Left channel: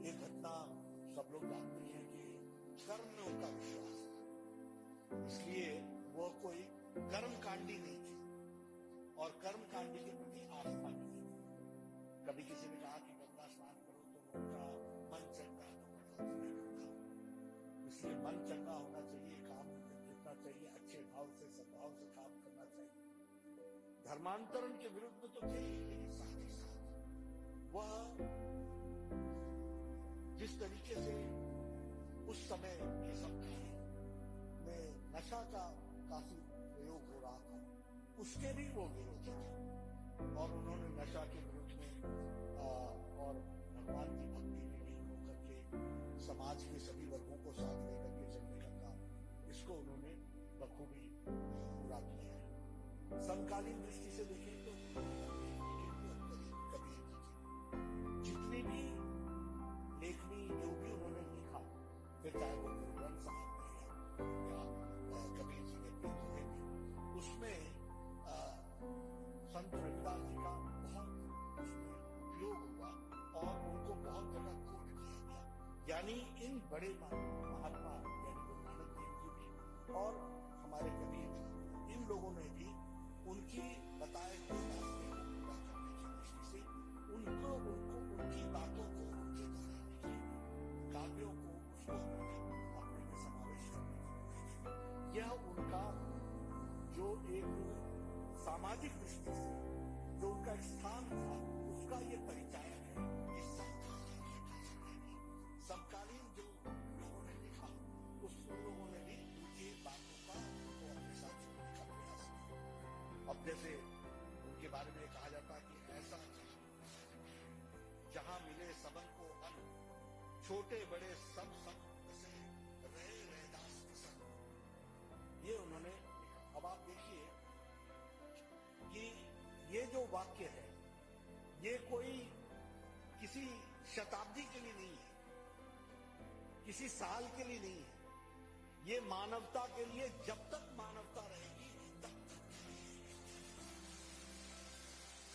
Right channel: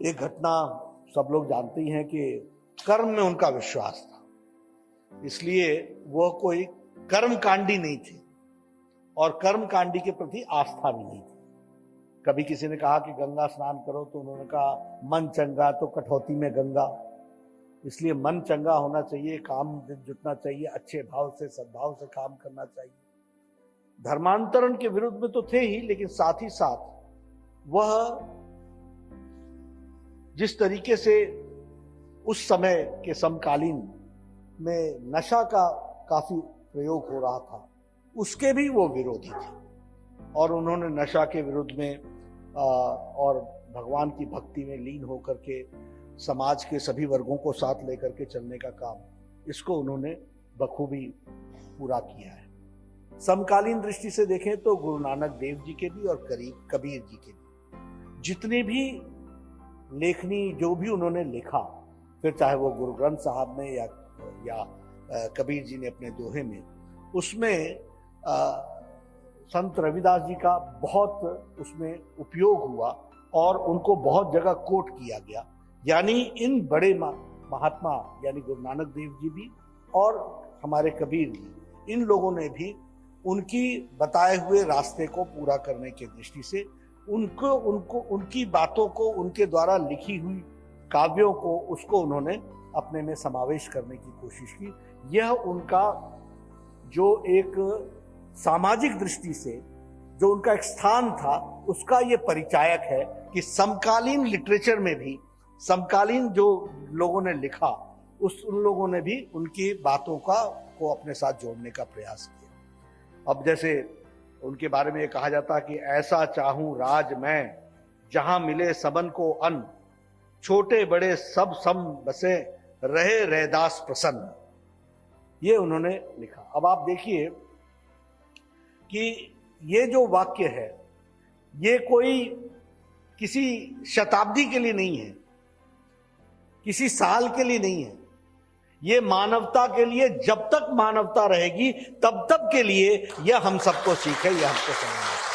एक घटना सब लोग जानते ही हैं कि कर्म में उनका विश्वास था, इसलिए वह कोई कर्मकांडी नहीं थे और कर्मकांडी के प्रति आस्था भी नहीं थी। कभी किसी ने कहा कि गंगा स्नान करो तो उन्होंने कहा मन चंगा तो कठौती में गंगा। इसलिए मन चंगा होना चाहिए, काम जुटना चाहिए, अच्छे भाव से सद्भाव से काम करना चाहिए। धर्मांतरण के विरुद्ध में तो थे ही, लेकिन साथ ही साथ वह जिस तरीके से उस समय के समकालीन में नशा का काफी प्रयोग हो रहा था, उसके भी वो विरोधी थे और उन्होंने नशा के विरुद्ध में और भगवान की भक्ति में लीन होकर के समाज के सभी वर्गों को साथ लेकर के चलने का काम, इसको उन्होंने बखूबी पूरा किया है। समकालीन दृष्टि से देखें तो गुरु नानक देव जी के भी और कबीर जी के भी जितनी भी लेखनी जो भी उन्होंने लिखा, फिर चाहे वो गुरु ग्रंथ साहब में या कबीर जी ने अपने दोहे में, उसमें संत रविदास जी का बहुत उसमें उपयोग हुआ और उनको बहुत जगह कोट किया गया। यानी इन बड़े महात्मा यानी गुरु नानक देव जी भी और हमारे कबीर जी, इन लोगों ने भी उनकी बताए हुए रास्ते को पूरा करने की दृष्टि से उनकी बातों को, उनके द्वारा लिखी हुई काव्यों को, उसको उन्होंने अपने में समावेश करने की कोशिश की। यह उनका जो एक सामाजिक दृष्टि से जो उनका एक स्थान था, उसका ये परिचायक है कि समकालीन लिटरेचर में भी समकालीन जो लोगों ने लिखा, उन लोगों ने भी उनकी बातों को अपने साथ जोड़ने का प्रयास किया। अब जैसे उनके बारे में ये कहा जाता है कि ऐसा चाहूं राज मैं जहां मिले सबन को अन्न, छोटे बड़े सब सम बसे रहे रैदास प्रसन्न। ये उन्होंने लिखा। अब आप देखिए कि ये जो वाक्य है, ये कोई किसी शताब्दी के लिए नहीं है, किसी साल के लिए नहीं है, ये मानवता के लिए, जब तक मानवता रहेगी तब तक के लिए यह हम सबको सीख है, यह हमको समझना है।